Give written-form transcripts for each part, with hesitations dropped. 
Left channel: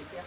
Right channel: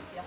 Cristian.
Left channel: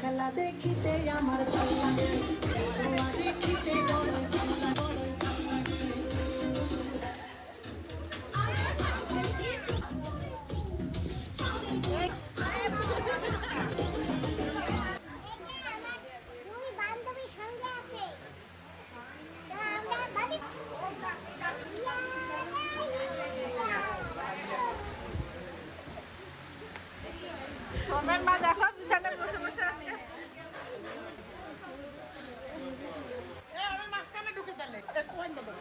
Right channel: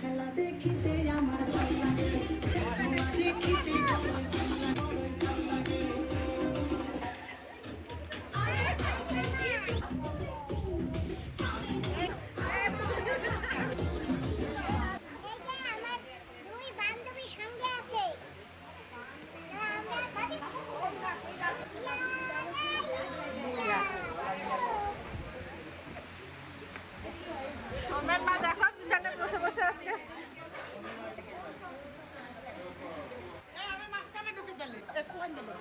খেলা দেখিতে আমার ভালো লাগে খেলা দেখিতে আমার মা দেখো বিছানায় বসে বসে আছে। আমি মাঝখানে ঢুকে দিলে এক কোন দেবো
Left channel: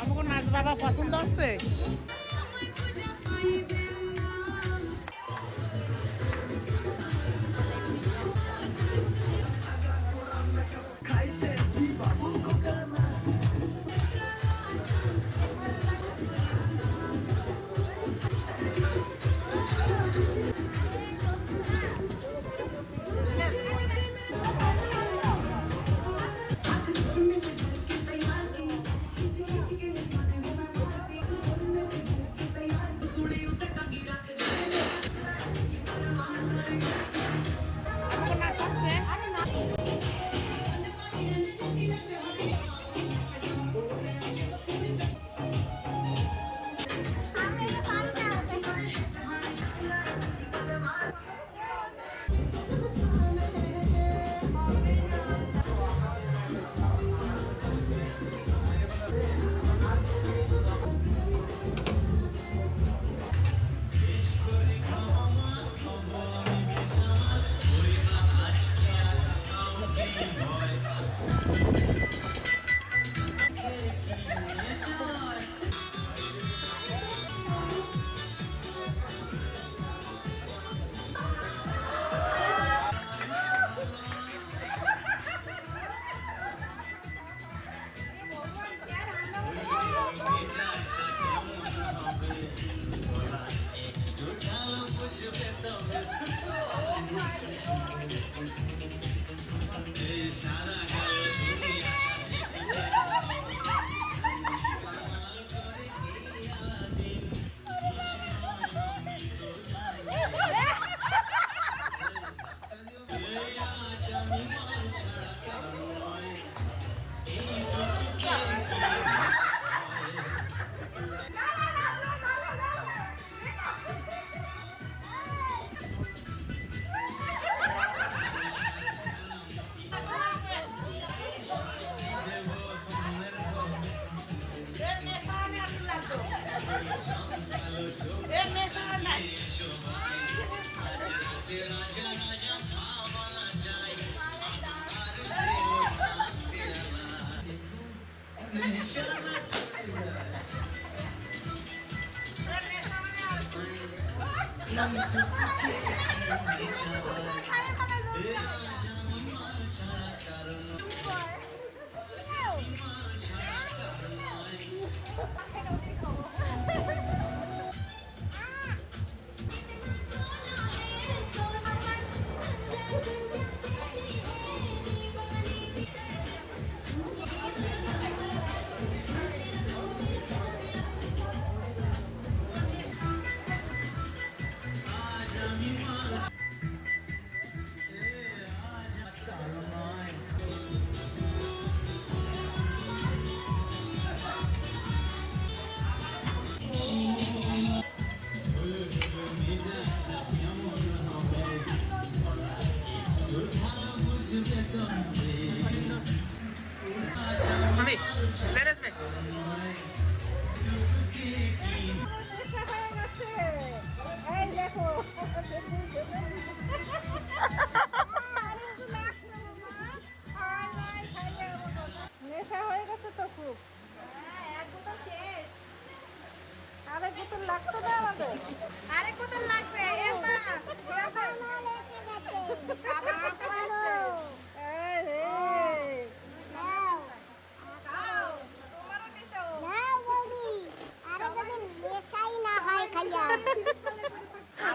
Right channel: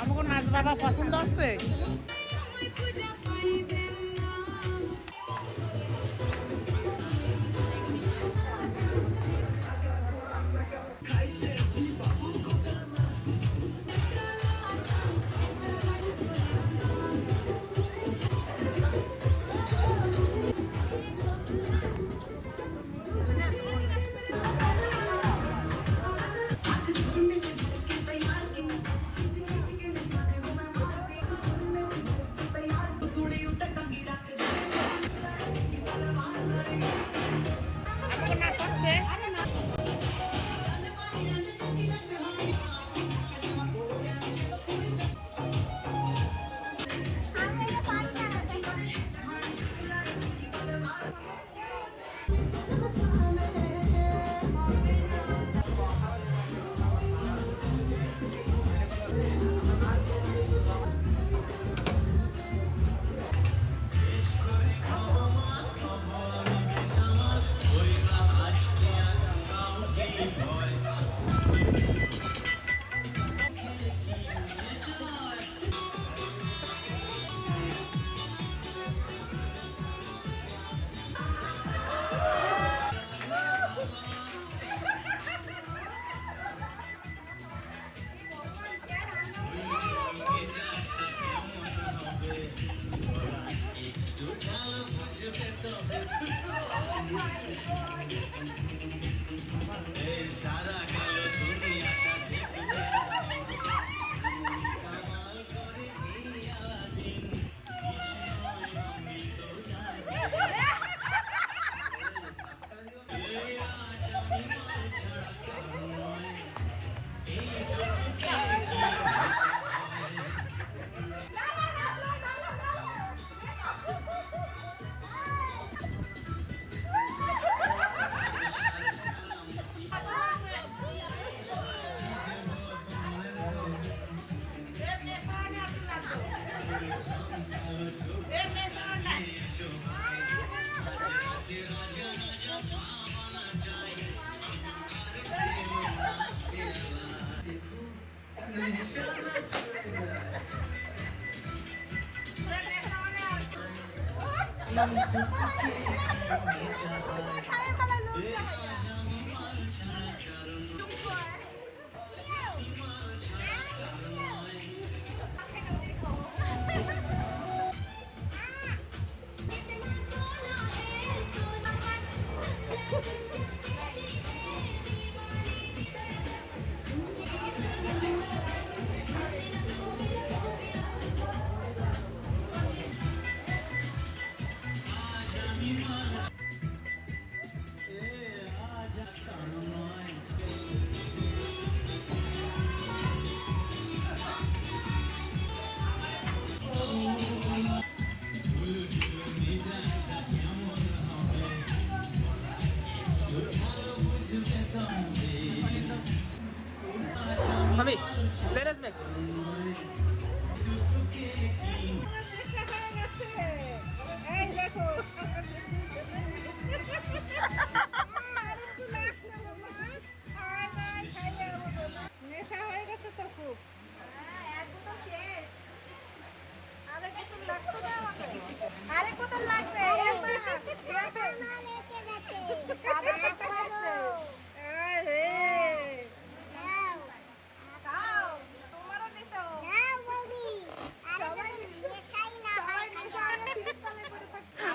আমাকে নাচ বাবা পছন্দ আছে। আরেক বোতল লাগবে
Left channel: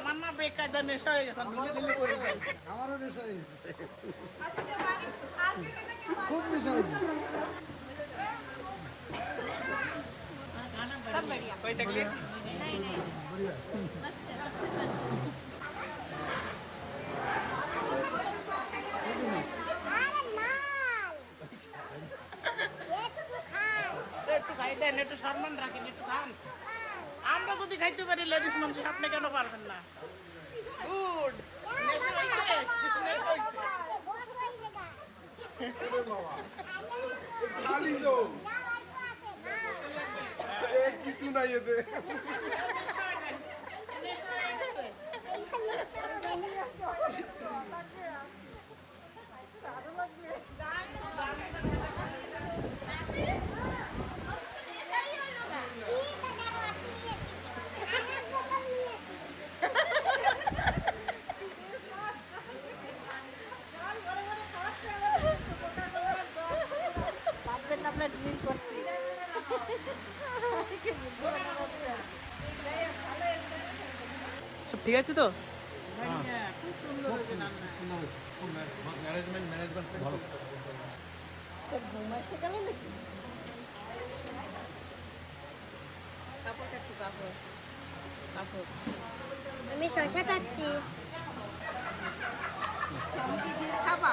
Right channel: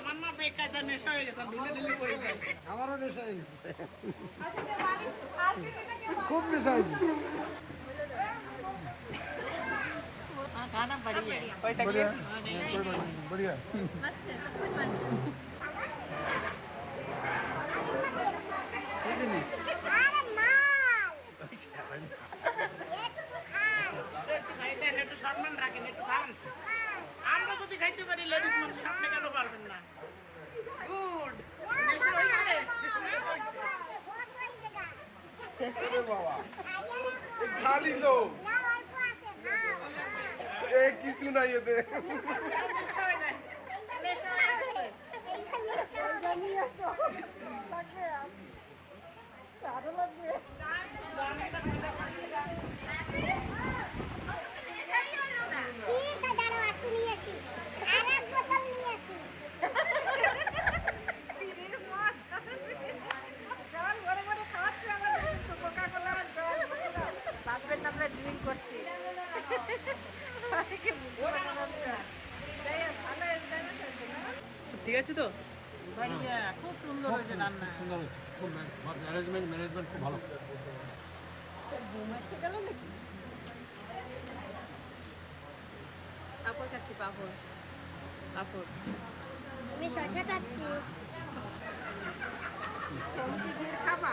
আমার না বেকায়দা নেশা হয়ে গেছে ঢিলে করে যাই আমারও নেশা হয়ে গেছে খুব নেশা হয়েছে खाना बढ़िया है कोई तकलीफ बढ़िया একটু খাইতেন একটু সম্মান রাখেন একটু খান আমরা যদি খাইতে পারি লেডিস মানুষ আপনি কেন পারবেন না গুড খালি তো কিছু নাই এতে ভাববেন না আমরা ড্রিল করছি সব ঠিক আছে তো? बढ़िया खूब খুব सुंदर সুন্দর খুব সুন্দর হয়েছে খুব ম্যানেজমেন্ট খুব ভালো পাপড় খাচ্ছি পাপড় পাপড় আমি শসা খাচ্ছি সবজি দিয়ে খাবা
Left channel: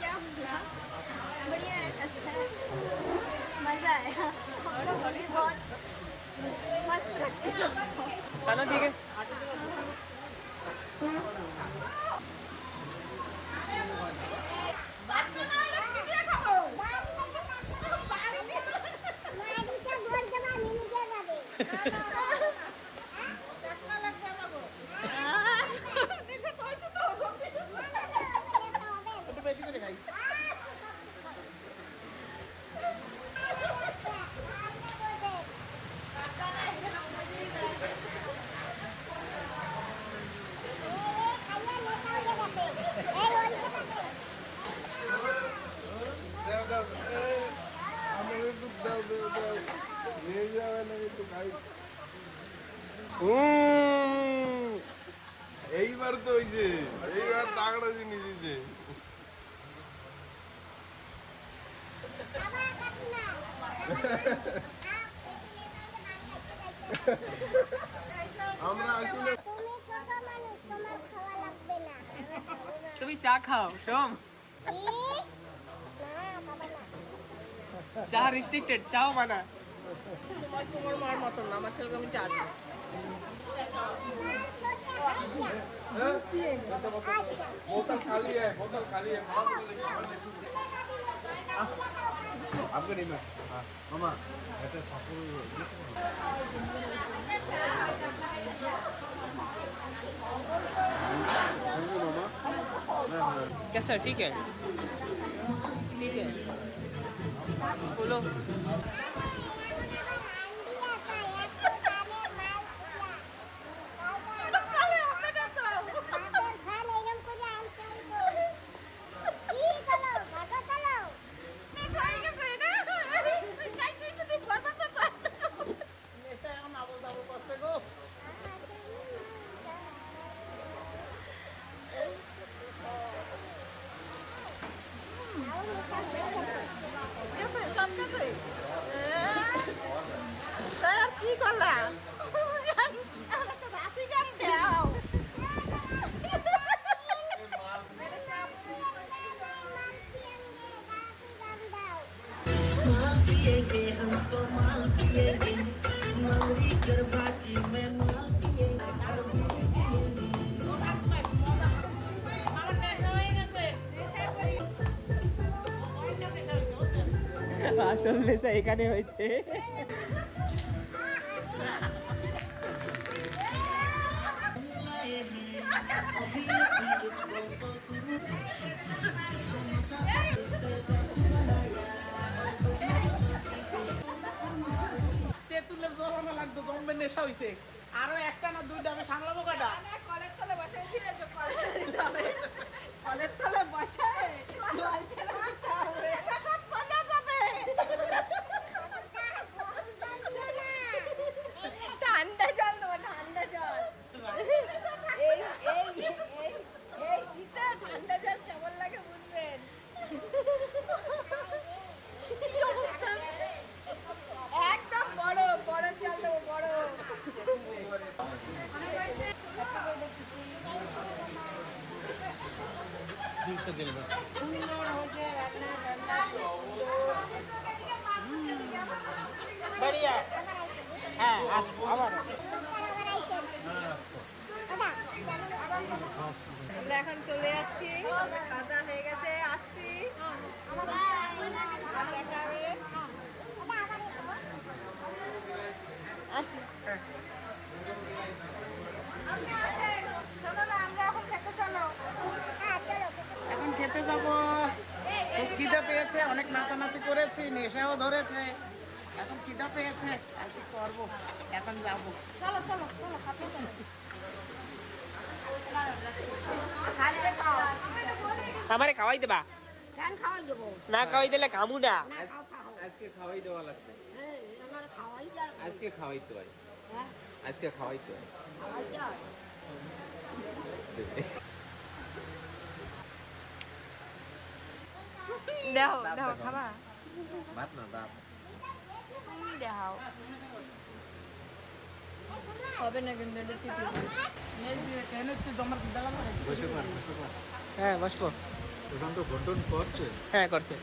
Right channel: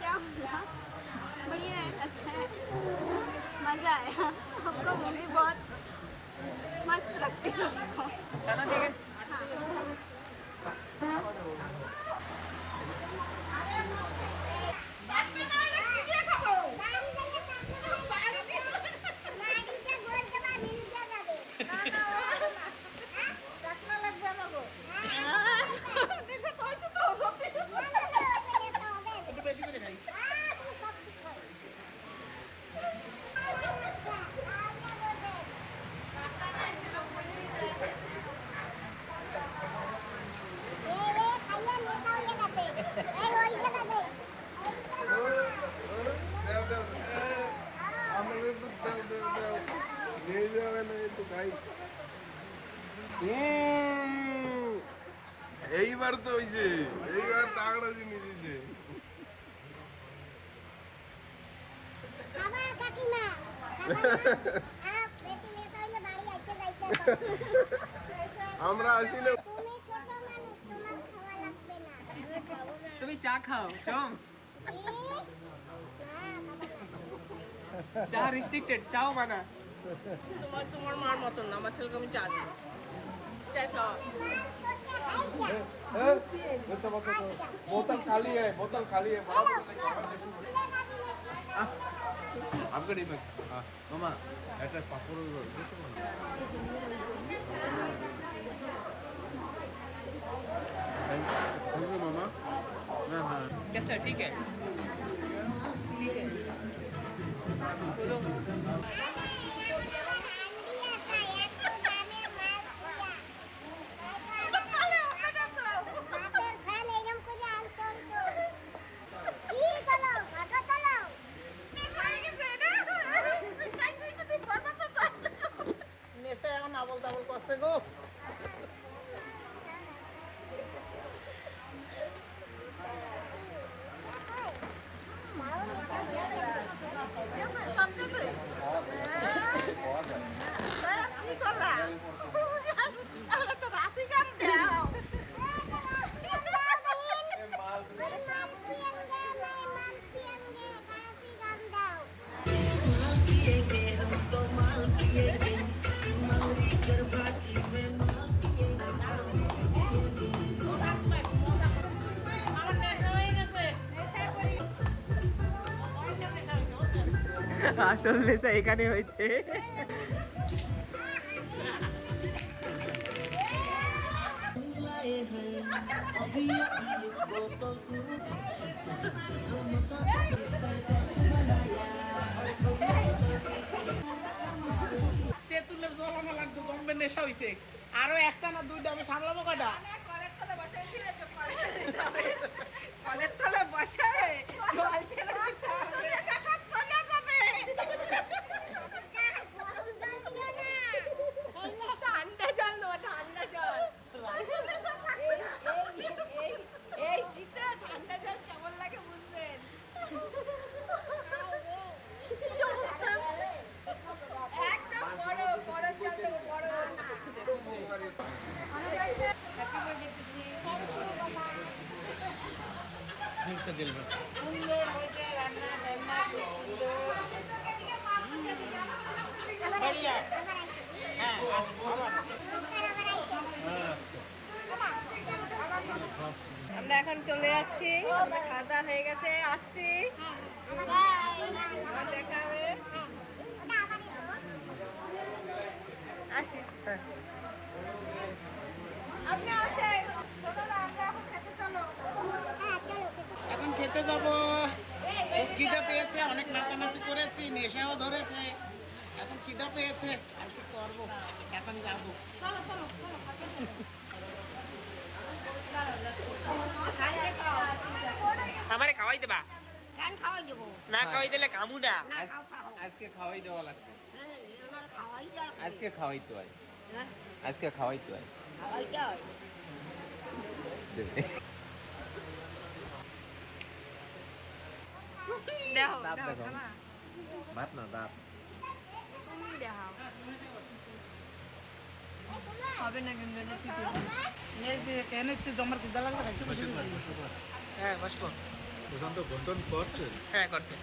क्या हुआ बढ़िया है अच्छा है मज़ा आया आपका मूवी बहुत मस्त लगती सबको चलो ठीक है একটু বেশি করে খাই আমি একটু দাও নিয়ে যাবে না একটু খাই এইবার তো হইছে এইবার তাগড়া জিনিস দিছে আমরা আসলে তুমি ছোট মানুষ তোমার খাওয়া লাগবে না তুমি চা খাও সব চা রেস্ট্রিক্টেড চাও মানা তোমার মার মতন না আমার ছেলেকে আমি চা দিই बोतल खाली है बड़ा बोतल लेके आपको नहीं मैं हाँ मामा ऐसा पापड़ देखो कैसा है ठीक है बोलो নেশা এখন আবল তাবল করছে গো কি করলাম আমরা তো রাতি গান দাও আমার নেশা হয়ে গেছে নেশা করি নেশা হয়েছে আসল নেশা এখানে হয়েছে তেঁতুলের জল আমার লাগতো জমবে দেখবেন নেশা হইছে। আরো একটা না দুইটা আমি সামলাবো কয়টা? কলের তলে বসাই দিয়েছো, কলের তলে বসায় জল ছেড়ে দিতে হবে। এসব সব চলে যাবে। ঠান্ডা জল দেবো, ঠান্ডা জল। এই শীতে ঠান্ডা জল কেমন লাগে বুঝবেন। একদম বরফ, বরফ জল দেবো, বরফ। দিলছে দিল में সুন্দর হয়েছে রান্না ঠান্ডা, খুব সুন্দর। আমরা এখন চলে যাচ্ছি, খাওয়া দাওয়া হয়ে গেছে, আসছি, আবার দেখা হবে। আসি, আপনি আসেন। চলো না, আমরা এখন খেতে চলো। এখন খেতে যাব। খুব খিদে পেয়েছে, অনেক নাচানাচি করেছি, নেশাও ধরেছে। এখন খিদে পেয়েছে, আর কি করবো, এখন যাব। আমারে খাওয়াই দেবা? গান খাওয়াই দেবো না খাওয়াই দিলে কামু না। না খাও খাও আজকে খাওয়াই দেওয়া লাগবে আমার খাওয়াই দাও আজকে খাওয়াইতে হয় হ্যাঁ আজকে খাওয়াইতে হয় খাওয়াই দাও দাও দাও খাবা। ভাত না ডাব তুমি দাও, হবে না কিন্তু এটা ঠিক আছে। এই যে কেন হচ্ছে জমার খিদে লাগলো খাইতে। হ্যাঁ বসবো। এখন তো ঘন্টন করছে হ্যাঁ করছে।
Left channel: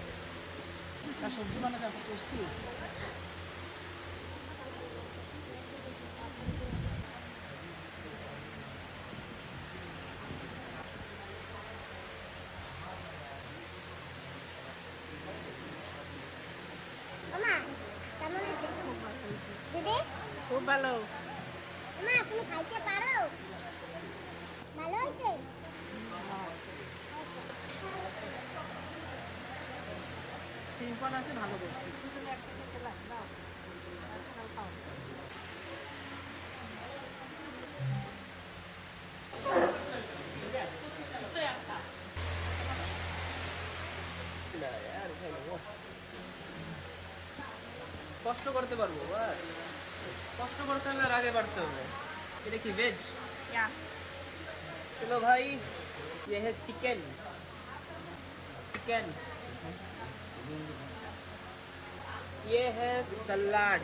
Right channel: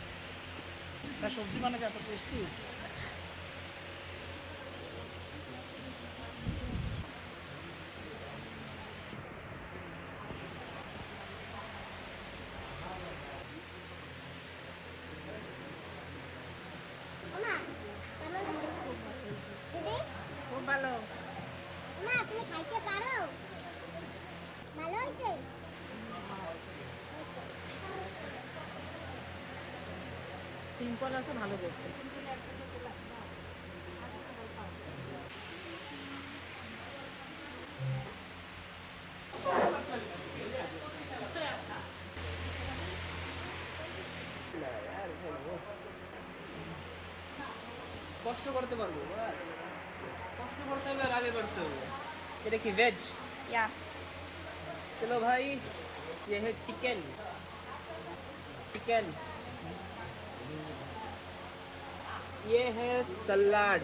তার সবজি বানাতে এত টেস্টি। মা কেমন হচ্ছে খুব ভালো দিদি খুব ভালো। মা তুমি খাইতে পারো ভালো হয়েছে সিম্পল আছে, ভালো করছে। কষ্ট করতে পারবো, বাস কষ্ট করতে হবে আর আগে বাড়তে হবে। এটা কি ভেজ? या चलो भाई, ये है चिकन। चिकन ये है सलाड।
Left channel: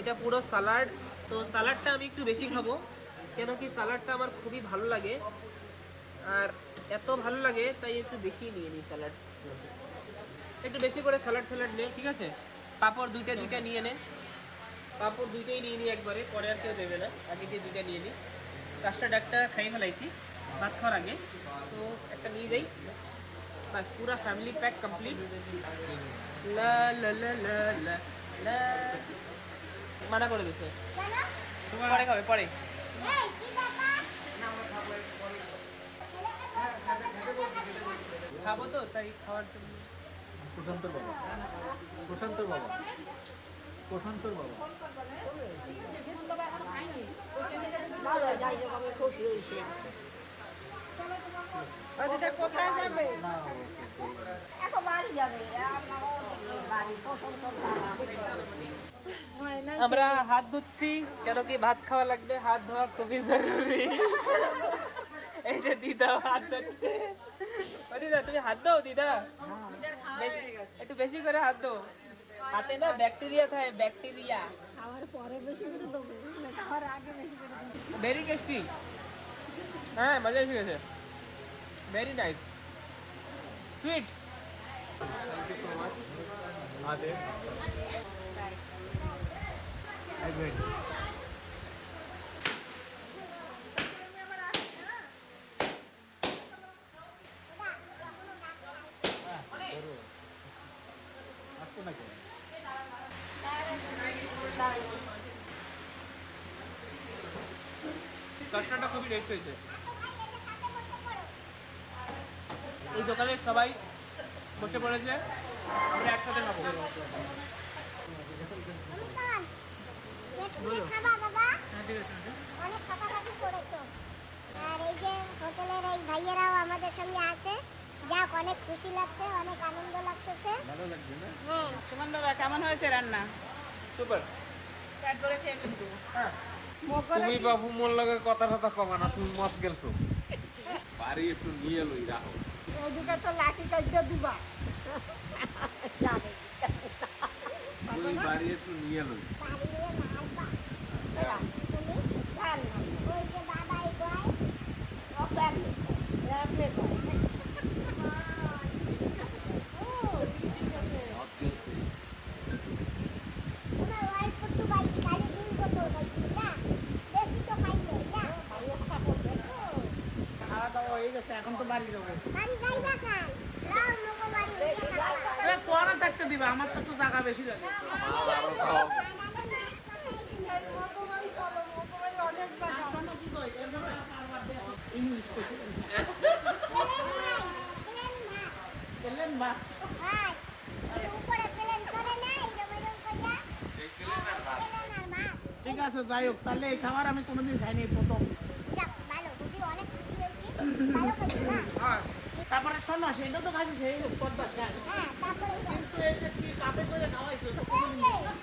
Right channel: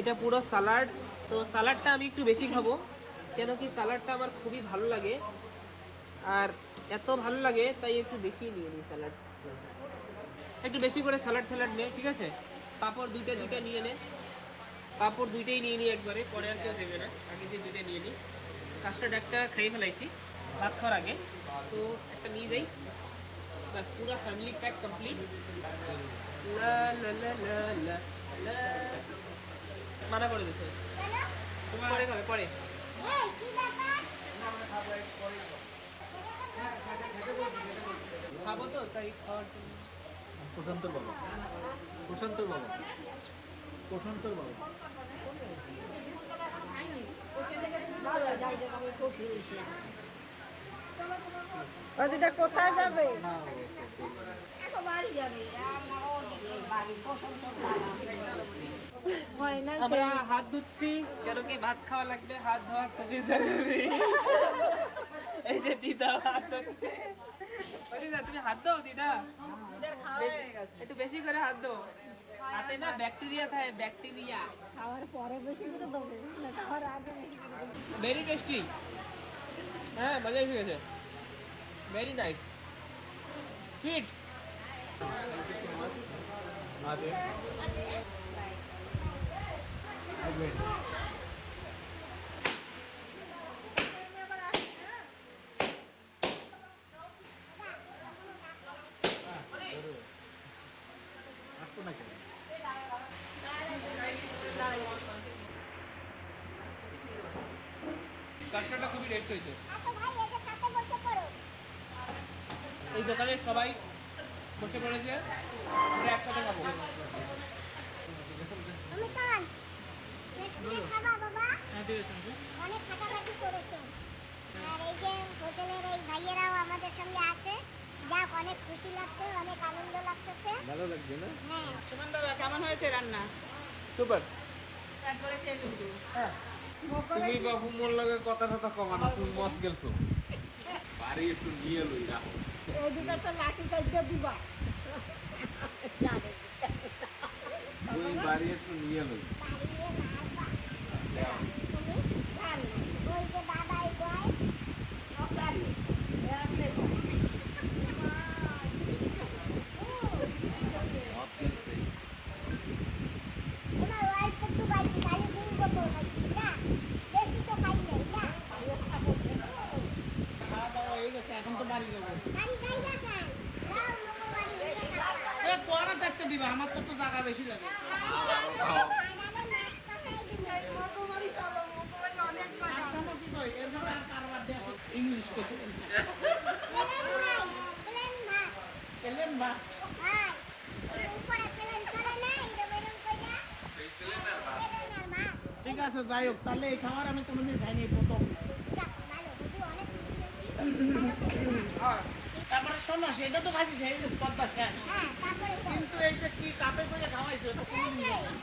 এটা পুরো সালাড। তো সালাডটা আমি একটু বেশি খাবো, কেন কি সালাডটা আমার খুবই ভালো লাগে, আর এত ভালো লাগে তাই একটু বেশি নিয়ে নিই সালাড। একটু বেশি করে সালাড নে, ঠিক আছে? পাঁপড় দুইটা নিয়ে নে, পাঁপড় দুইটাই নিয়ে নিই একবারে, পরে আর কেউ দেবে না, আগে দিয়ে দুইটা নিয়ে নিই। কাস্টার্ড একটা খাইয়ে ফেলাইছি ভাত খাওয়ার আগে, তো একটা নিয়ে যাই, বাস পুরা ফ্যামিলি প্যাক কমপ্লিট। লা লা লা লা লা লা। মানা করে দিচ্ছে, কেন পরে খাবে পরে। এই কি ব্যাপার খাবো তো তাই খাওয়ার জন্য। প্রশান্তর বাবা প্রশান্তর বাবা প্রশান্তর বাবা ভালো যাই হোক আমি খুশি হয়েছি এটা কোথায় যাবে? এত বাড়ি যাবে বাড়ি পছন্দ আমরা হাত ধুচ্ছি, কেন কি ভাত খাওয়া লাগবে, হাত ধোয়া খুবই জরুরি। এই যে দিদা হাত ধুচ্ছে। ও দিদা তুমি হাত দাও, দিদা একটু বেশি করে হাত দাও, হাতে না ব্যাকটেরিয়া থাকে, ব্যাকটেরিয়া। খাওয়ার পরে বেশি করে দেবো খাওয়ার আগে বেশি করে দেবো ভেরি টেস্টি। হ্যাঁ মজা এসে গেছে, ভেরি নাইস, সুইট। আদে আসতো না কেন কাস্টারটা খুবই টেস্ট হয়েছে। এই দোকানের সবাই বসে পড়েছে, আমরা একসাথে খাবো। তুমি খান খাবা বাবা অনেক খাটাখাটি করেছো। আর এই যে হোটেলের এই ভাইয়েরাও আমাদের সঙ্গে আছে, যাক অনেক খুশি লাগছে, অনেক আনন্দ লাগতেছে। ভালো লাগছে না? হ্যাঁ, সুমনদা কেমন হয়েছে রান্না? সুপার। পেট ভরে খেয়ে কিন্তু। তুমি বাবু মোর লগে কথা কথা কমা না, তুমি মত গেলছো। বাড়ি একটু নিয়ে লই রাখো। এদিকে তো লাঠি কাটিয়ে দিবা তুমি বাড়ি একটু নিয়ে লই। বাড়ি নিয়ে মারবা। তুমি জান না, ওই যে বাবাই কয় মত গেলছে। তোমার অল্প একটু খাইছি, খালি 2 বোতল খাইছি না, বেশি তো খাই নাই না। খাওয়া দাওয়া হয়ে গেছে, এখন তো বাড়ি যাবো। বাড়ি যাইবা কেন? নাও মগো বাড়ি নিয়ে খাবা। এ কোয়ারা থাকতে দিবা, আমার তো একটু জায়গা বেশি লাগে। ইংলিশ করতে এলেন বা হ্যাঁ, উপরে প্লেন চলে না, এই যে মেরুন কইলা প্লেন আর মাছ। ঠিক আছে, যাই হোক, তাহলে এই খাবার আমি কোনোদিন খাইনি, এই প্রথম। যাক, ভালো, বুঝি অনেক খুশি হয়েছি। ভালো খেয়েছি না? তারপরে শোনো, সেটা তো খাইছি, সেই পদ্মা শেষ। হ্যাঁ, তারপরে তো কিন্তু এই যে কি কাপে করে খাওয়াইছো, তো কোনোদিন খাই নাই।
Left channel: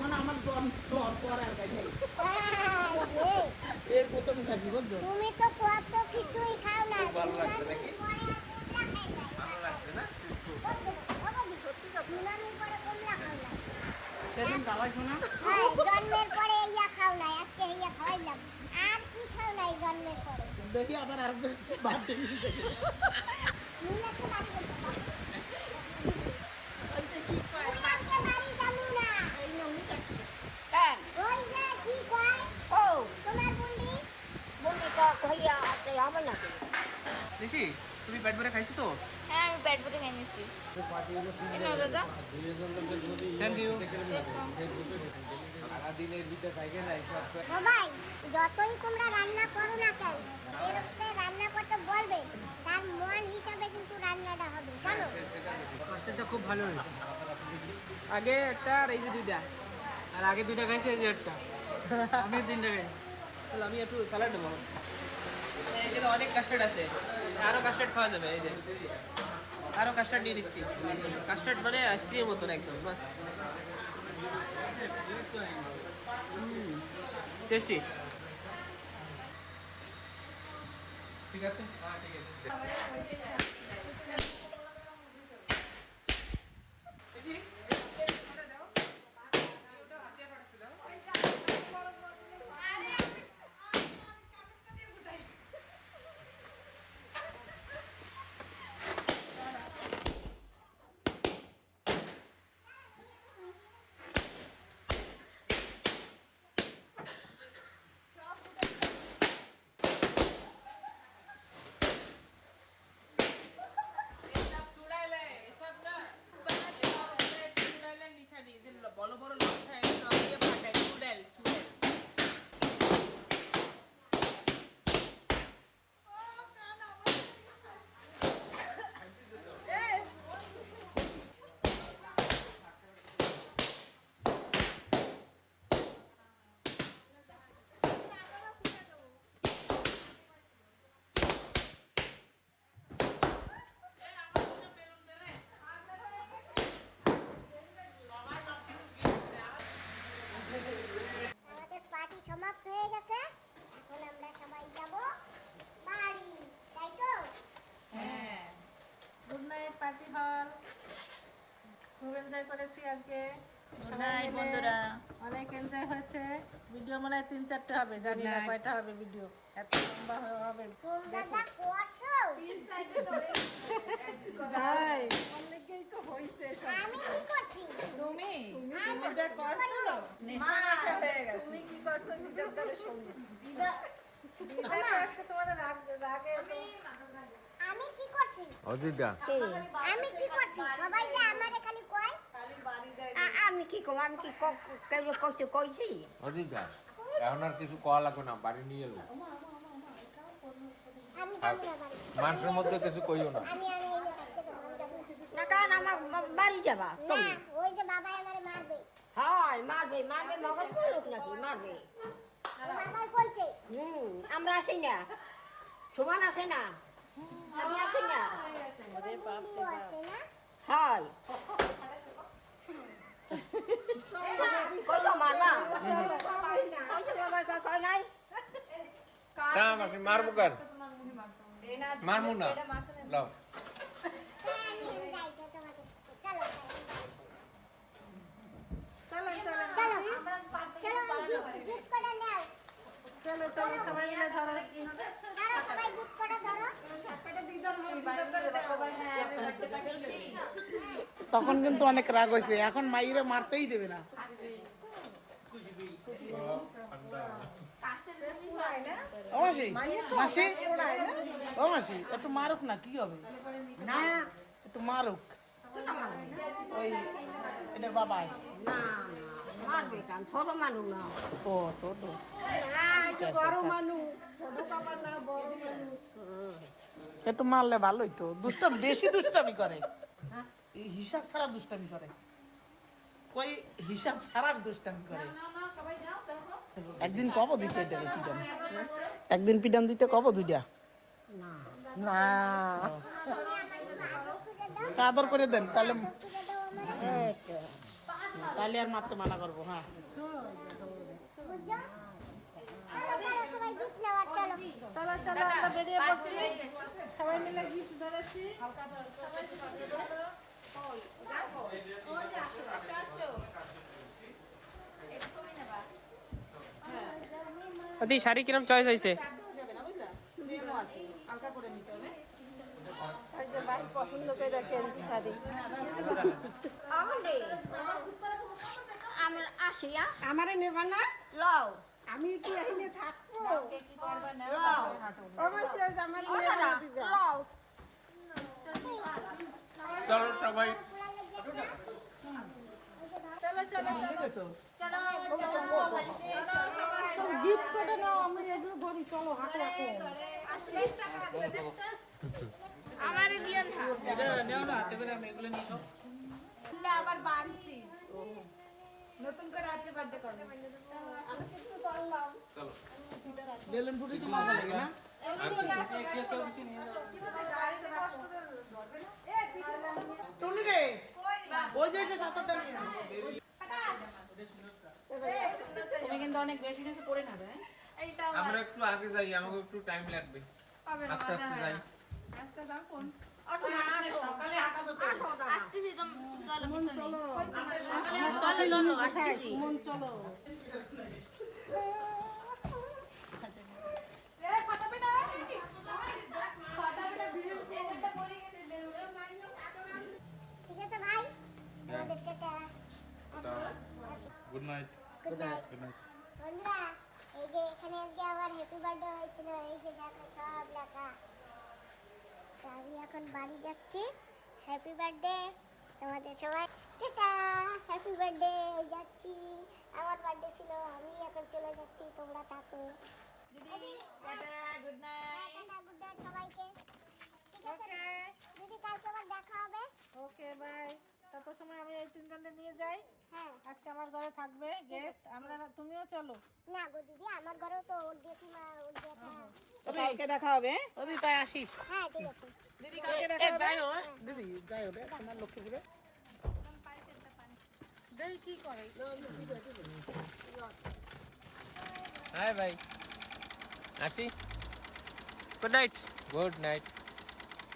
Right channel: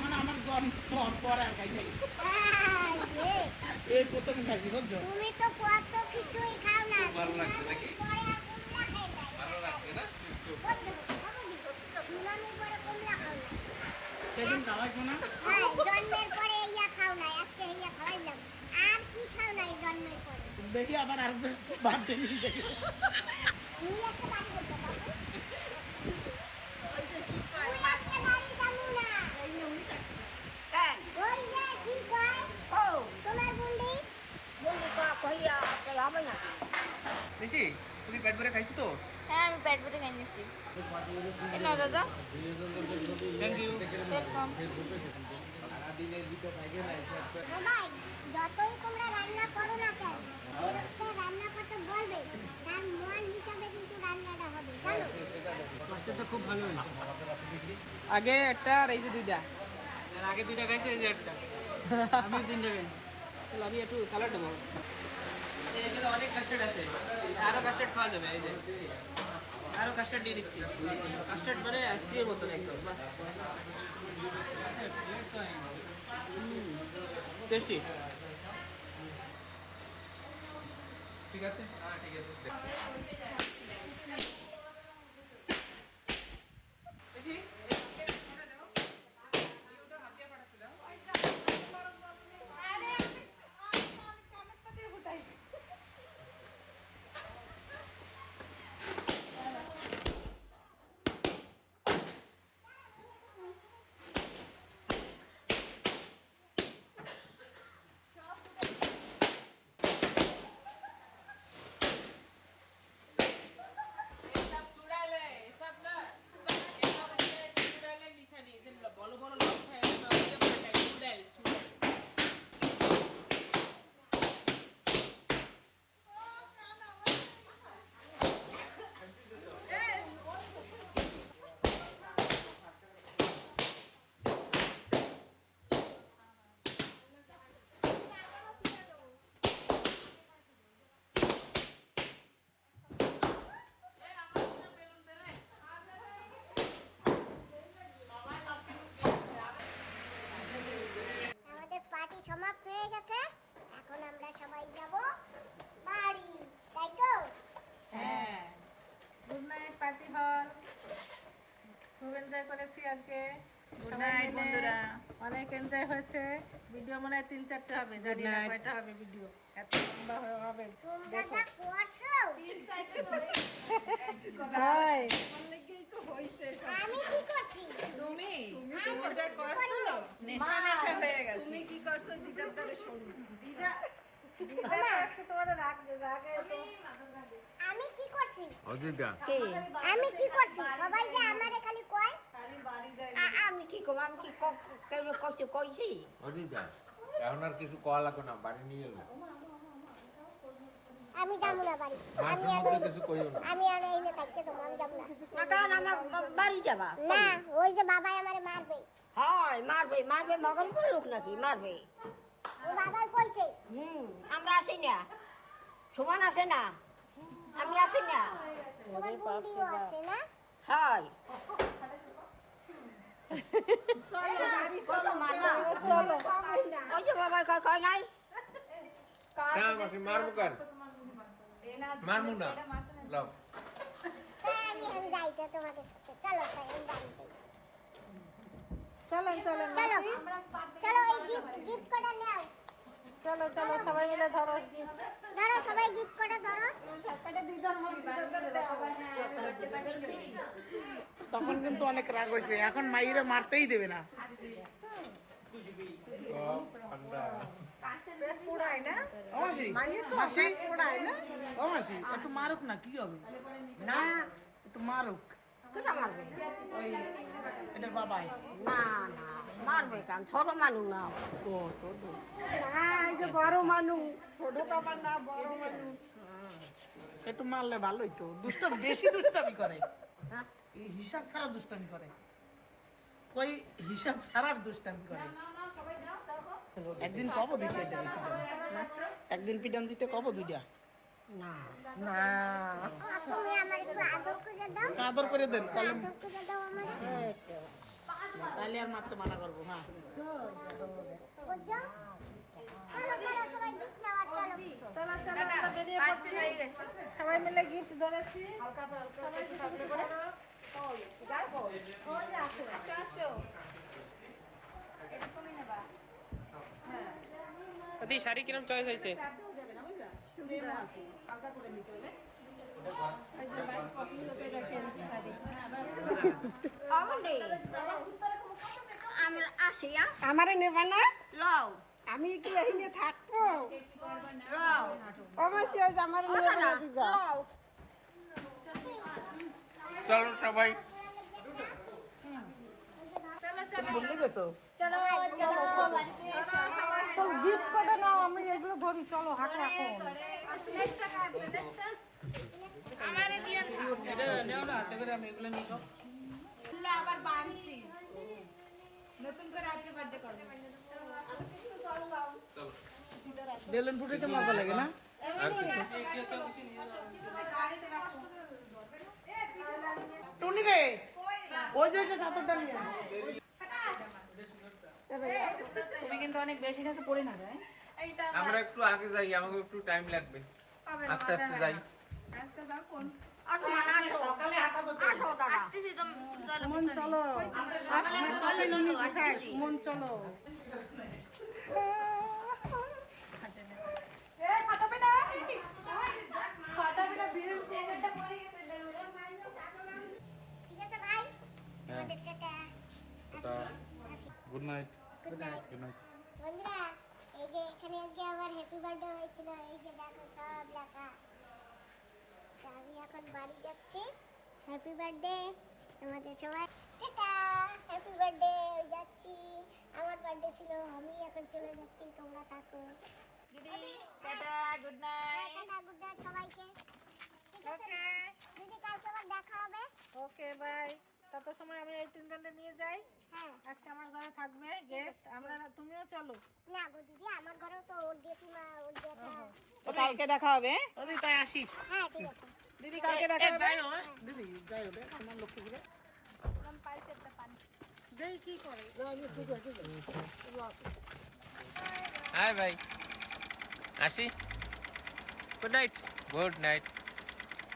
মানে আমার জন্ম হওয়ার পর আর খাই নাই। এই প্রথম খাইছি, বুঝছো? তুমি তো কত কিছুই খাও না, ভালো লাগছে নাকি? পরে আর কুমড়া খাই নাই। ভালো লাগছে না? মুলামি পরে কুমড়া খাও না। সেদিন খাওয়াইছো না? হ্যাঁ, জন্মের পরে ইয়া খাও নাই, আজকে ইয়া খাওয়াইলাম। আর কি খাও নাই জন্মের পরে? দেখি আবার আর বার্থডে নিয়ে দেখি। নিয়ে আসতে বাড়ি বলতে বাবু। তুই আজকে বাড়ি যাবো না। ওই যে কি কয়? তোমার বুন্ডি? বেশি তুমি পেট ভরে খাইছো তো? হ্যাঁ, আমি পেট ভরে খেয়ে নিছি। না দাদা, সারাদিনের ভিতরে পাইবে না হিসাব করে। সবাই যতই তোমরা রান্না করো না কেন, যেরকম রান্না করতে বলবে তার মন হিসাবে কিন্তু রান্নাটা হবে, জানো? মাছটা খুব ভালো হয়েছে। আগে একটা আর এই যে 2টা, আর আগে 2টা খাইছি, এই যে একটা, আমি 3টা খাই। তাহলে আমি একটু স্যালাড নেবো। এখানে অনেক কাস্টার্ড আছে, আরো কাস্টার্ড খাওয়া যাবে। এই যে আরো কাস্টার্ড দিয়ে দিচ্ছি। কাস্টার্ড মানে আইসক্রিমের মতন একদম মাস্ত টেস্টি। ঠিক আছে, বেশি বড় বড় লোক খায় সব দিয়ে পাঠায় চুড়াল চুড়াল। আমাদের পার্টি সমাপ্ত হয়ে গেছে, এখন আমরা সবাই যাব বাড়ি, তাই তো? হ্যাঁ, গুড নাইট পার্টি হল। খুব এনজয় করেছি আজকে। গুড নাইট বন্ধুরা, অনেক এনজয় হয়েছে। ভিডিও মনে হয় 3-4টা হবে, জানি না কয়টা হবে ভিডিও, এত লম্বা হবে। তোমরা যা করছো, ভাই, আমি কি করছি? তুমি আমি যা করছো, নেশা নেশা হয়ে গেছে। তুমি কি করছো নিজের করে শোনো। দিদা আজকে তোমার রাগে আমি কি করছি? অযোধ্যা আমি কি করছি? সবাই যে আমারে খালি কয় আমি কি কম, আমি কি কইছি অযোধ্যা, এখন আর কিছু কওয়া লাগবে না, বাড়ি নিয়ে এলো। আমি যাবো না বাড়ি। মাঠের মধ্যে কিছু কইও না। আমি আর এইনে থাকতে তো মন যাবো না। না কারণ আমার বাড়ি যাবা না, ওই যে বাবাই আমারে মারবে। হয় মারবে মারবে মগন লোক নাকি মারবে ও বাবাই বলছে আমরা আসি না সমান আসে না আমি আসি না তোমার বন্ধুও আছে না হয় সমান না ওই যে বাবা কয় নাই না মাসি মারবো কেন মারবো না লাও তাই আমি এখন যাইতে তোমাদের সাথে চলো তাই আমি যাইতে চলো চলো চলো চলো ওই গিফট কটা নাও চলো চলো সবাই মিলে ধরো ধরো সবাই গিফট কটা ধরো তখন কিন্তু অনেক রাগ হয়েছে, এখন মাইরে মারতেই দেবে না। ও মাসি, মাসি, ও মাসি, একটু মারুক না, কি হবে? না, একটু মারুক। ওই এটা বাবাই। না না মারবে কেন ছোট মানুষ না ও আচ্ছা, ও তো। বড় মানুষ ছোট বাবা না বড় মানুষ একটু মারলে ভালোই তো। দুষ্টামি, বেশি দুষ্টামি করে। এই হিসাব ছাড়া দুষ্টামি করে। কই হিসাব ছাড়া দুষ্টামি করে। একদিন কব দিতে দেবে পিডান? একদিন পিডান দিতে কব দুইটা? না না, তুমি আমার একটু আদর করে দাও আদর করে দেন, তাহলে আদর করে দাও আমার তাহলে আর মারতে মানা করবো। হ্যাঁ, বুঝছো চলো চলো সবাই গিফট নেওয়ার চলো চলো চলো আমরা বেরিয়ে পড়ছি সবাই মিলে গিফট ধরেছি অতি শাড়ি কিরম চয়েস হয়েছে? আমরা আসি আমারে নেবা না লও আমি কি এখানে থাকবো লও অবশ্যই আমার না লও চলো সবাই ভুলে গেছো? গিফট করে নাও আমি এগুলো ধরি চলো হাঁটো এখন নেও না, এবারে আমি এগুলো নিয়ে যাও। বেলুন ফুটিতে মজা লাগে না? টুনি রে, ওই যে যে চাদরটা নিয়ে আয়। তুমি কিন্তু অনেক বেশি কিছু পড়ে না রে। আমরা একটু আগে যাই, আমাকে একটু টাইম লাগবে, আস্তে আস্তে যাই। সকালে 8টা তো মন চলো ঠিক আছে ভাই তোমাদের tata good night. Good night বন্ধুরা এই যে এখানে আজকে আমার হ্যাপি বার্থডে হয়েছিল এই যে দেখো সব লেখা তো আমি এখন বাড়ি যাচ্ছি হ্যাপি বার্থডে তোমাদের সবাই টাটা হ্যাপি বার্থডে যাচ্ছি আমার বার্থডে ছিল আমি এখন চলে যাচ্ছি তোমরা থাকো দিদি tata good night tata good night সবাইকে ঠিক আছে দিদি কালকে আবার দেখা হবে ওকে বাই তত সময় আমি এই তিনজনকে নিয়ে যাই হ্যাঁ আজকে আমার ঘরে থাকবে গেস্ট আমরা তুমিও চলো না গো দিদি আমার ঘরেও তো ওর জেঠিমা ওর জেঠা কালকে দেখা হবে ওদি তাই আসি। হ্যাঁ ঠিক আছে দিদি কালকে দেখা হবে। যাই হোক, দিদি যাই হোক, আমার লক্ষ্মী করে। হাই ভাই আসি গুড নাইট গুড নাইট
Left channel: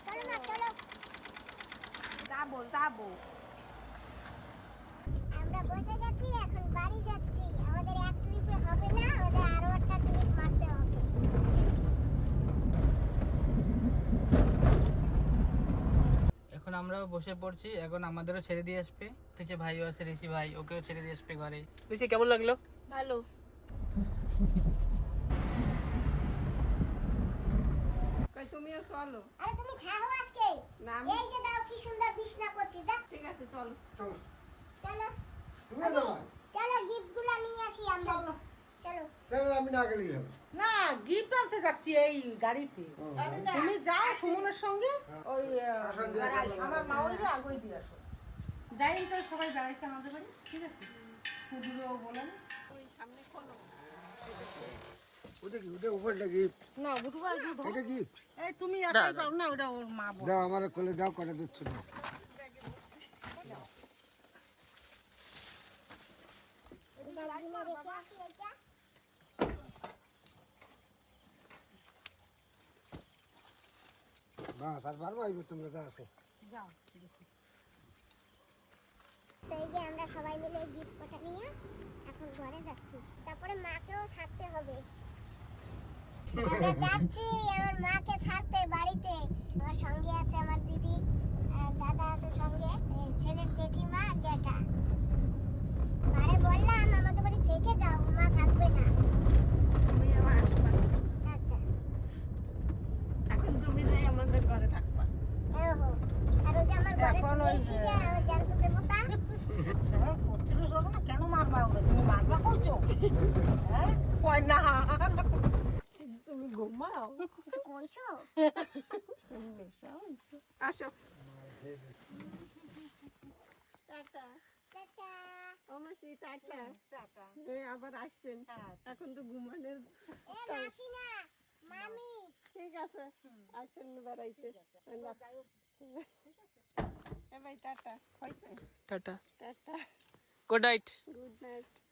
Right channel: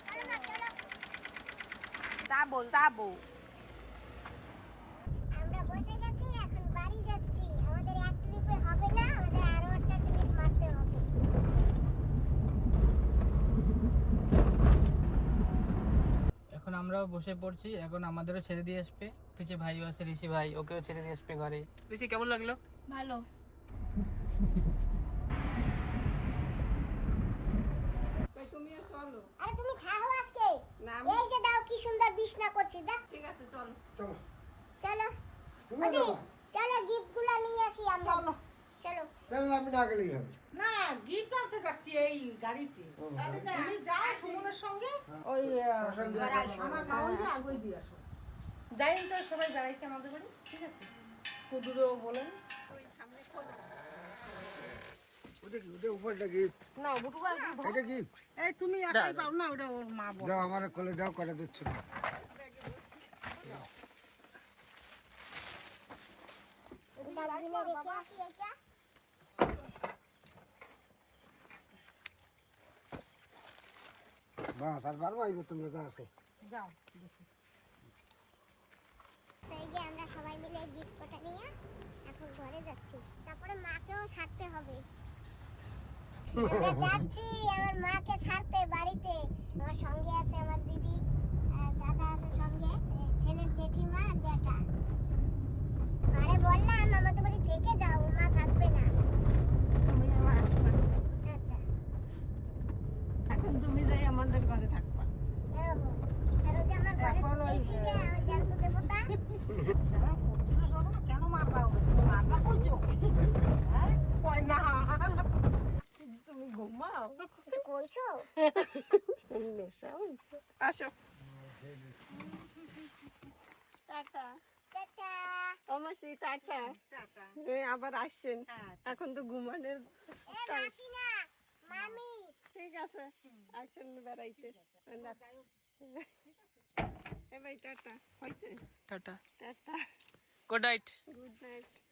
চলো না চলো যাবো আমরা বসে গেছি এখন বাড়ি যাচ্ছি আমাদের এক ট্রিপে হবে না আমাদের আরো একটা ট্রিপ মারতে হবে এখন আমরাও বসে পড়ছি, এখন আমাদেরও ছেড়ে দিয়ে আসবে। পিছে ভাইও আছে, ঋষি ভাই, ওকেও ছেড়ে দিয়ে আসবে ঘরে। ঋষি কেমন লাগলো? ভালো তুমিও চলো আরে তুমি খাও আজকে এই যে দাও কি সুন্দর বিছনা করছি দেখ ঠিক আছে চলো চলো তুমি ওদি, যাবা? চলো গিফটগুলো নিয়ে আসি আমরা চলো তাহলে আমি না গেলে যাবো। না গিফট আনতে যাচ্ছি এই গাড়িতে তুমি যাও সুমনের সঙ্গে ওই আমার মা ওই যে আগই দিয়ে আসো যাই তো সবাই বেড়াইতে আমাদের বাড়ি ঠিক আছে কুদুরও বলেন ওটা কি ওটা উপরটা কি না বুটুয়া এটা কি এই তুমি একাই পাও না ওটা ওর মা বলে দাও আমার কোলে দাও কটা দিচ্ছ না ডাস্টবিনে রেখে আসি এটা বাস আর পারবো এই তোমরা যা আছে যাও তো এই যে আমরা সবাই মিলে গিফট কটা নিয়ে এখন ঘরে যাচ্ছি তারপরে মাকেও ছাড়তে হবে আমরা যাচ্ছি আমার মাকে ছাড়তে বাড়িতে আমার সঙ্গে আছে আমার দিদি আর দাদা আছে সঙ্গে এই ছেলের জেঠিমা আর জ্যাঠা আরে বললাম আমাদের বাড়ি থেকে যাও মা থাকবে না আমি আমার আসবো আচ্ছা এখন তুমি যাই আমাদের ঘরে থাকবা ওহো আর ওই যে আমার ঘরে এখন ওই এসেছি যে জ্যান্ত দেবতা হ্যাঁ করছিল সব না কেন মারবা ওরে তুমি মারবা করছো হ্যাঁ কই না তুমি ঘুমাও কিছু কইছো আসো টাটা টাটা অবশ্যই টাটা আবার আসছেন এখন তো ঘুমানোর এ মাসি না মামি ঠিক আছে আসছেন বেড়াইতে এবার টাটা হয়েছে tata tata good night good night